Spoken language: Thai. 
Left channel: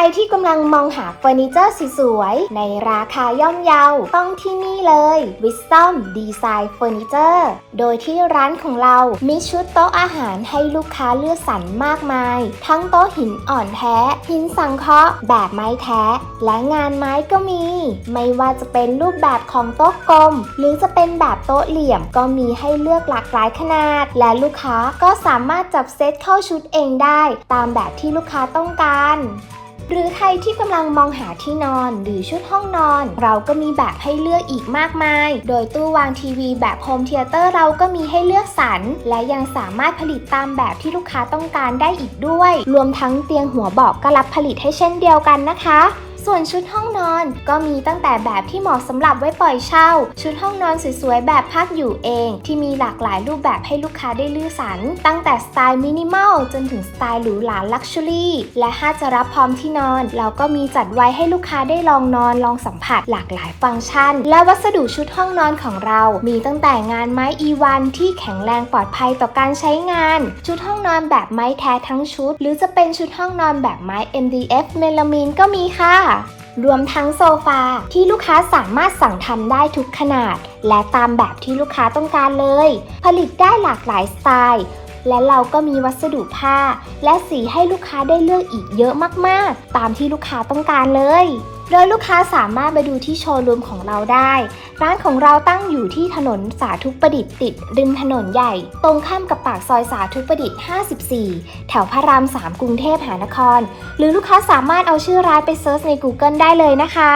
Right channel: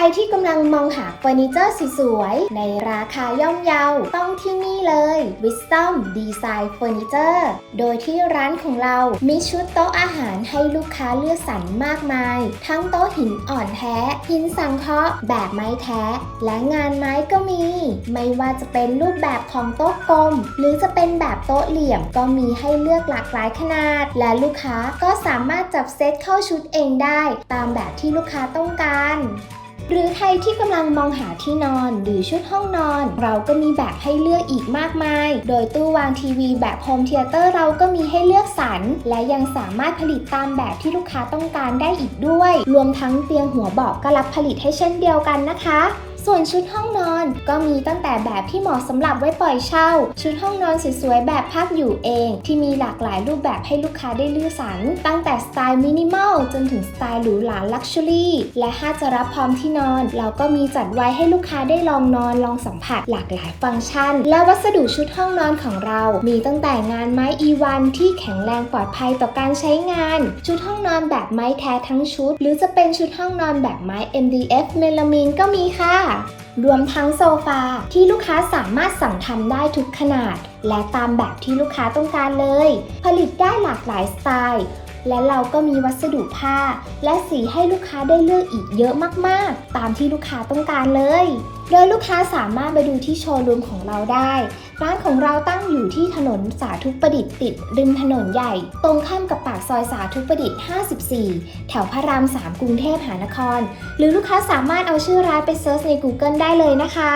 รที่กำลังมองหาเฟอร์นิเจอร์สวยๆ ในราคาย่อมเยาต้องที่นี่เลย Wisdom Design Furniture โดยที่ร้านของเรามีชุดโต๊ะอาหารให้ลูกค้าเลือกสรรมากมาย ทั้งโต๊ะหินอ่อนแท้ หินสังเคราะห์แบบไม้แท้ และงานไม้ก็มี ไม่ว่าจะเป็นรูปแบบของโต๊ะกลม หรือจะเป็นแบบโต๊ะเหลี่ยมก็มีให้เลือกหลากหลายขนาด และลูกค้าก็สามารถจับเซตเข้าชุดเองได้ ตามแบบที่ลูกค้าต้องการ หรือใครที่กำลังมองหาที่นอนหรือชุดห้องนอน เราก็มีแบบให้เลือกอีกมากมาย โดยตู้วางทีวีแบบโฮมเทเตอร์เราก็มีให้เลือกสรรและยังสามารถผลิตตามแบบที่ลูกค้าต้องการได้อีกด้วย รวมทั้งเตียงหัวเบาะก็รับผลิตให้เช่นเดียวกันนะคะ ส่วนชุดห้องนอนก็มีตั้งแต่แบบที่เหมาะสำหรับไว้ปล่อยเช่า ชุดห้องนอนสวยๆแบบพักอยู่เอง ที่มีหลากหลายรูปแบบให้ลูกค้าได้เลือกสรรตั้งแต่สไตล์มินิมอลจนถึงสไตล์หรูหราลักชัวรี่และถ้าจะรับพร้อมที่นอน เราก็มีจัดไว้ให้ลูกค้าได้ลองนอนลองสัมผัสหลากหลายฟังก์ชัน และวัสดุชุดห้องนอนของเรา มีตั้งแต่งานไม้ E1 ที่แข็งแรงปลอดภัยต่อการใช้งาน ชุดห้องนอนแบบไม้แท้ทั้งชุด หรือจะเป็นชุดห้องนอนแบบไม้ MDF เมลามีนก็มีค่ะรวมทั้งโซฟาที่ลูกค้าสามารถสั่งทำได้ทุกขนาด และตามแบบที่ลูกค้าต้องการเลย ผลิตได้หลากหลายสไตล์ และเราก็มีวัสดุผ้า และสีให้ลูกค้าได้เลือกอีกเยอะมากๆ ตามที่ลูกค้าต้องการเลย โดยลูกค้าสามารถไปดูที่โชว์รูมของเราได้ ร้านของเราตั้งอยู่ที่ถนนสาธุประดิษฐ์ติด ริมถนนใหญ่ ตรงข้ามกับปากซอยสาธุประดิษฐ์ 54 แถวพระราม 3 กรุงเทพมหานคร หรือลูกค้าสามารถเอาชื่อร้านไปเซิร์ชใน Google ได้เลยนะคะ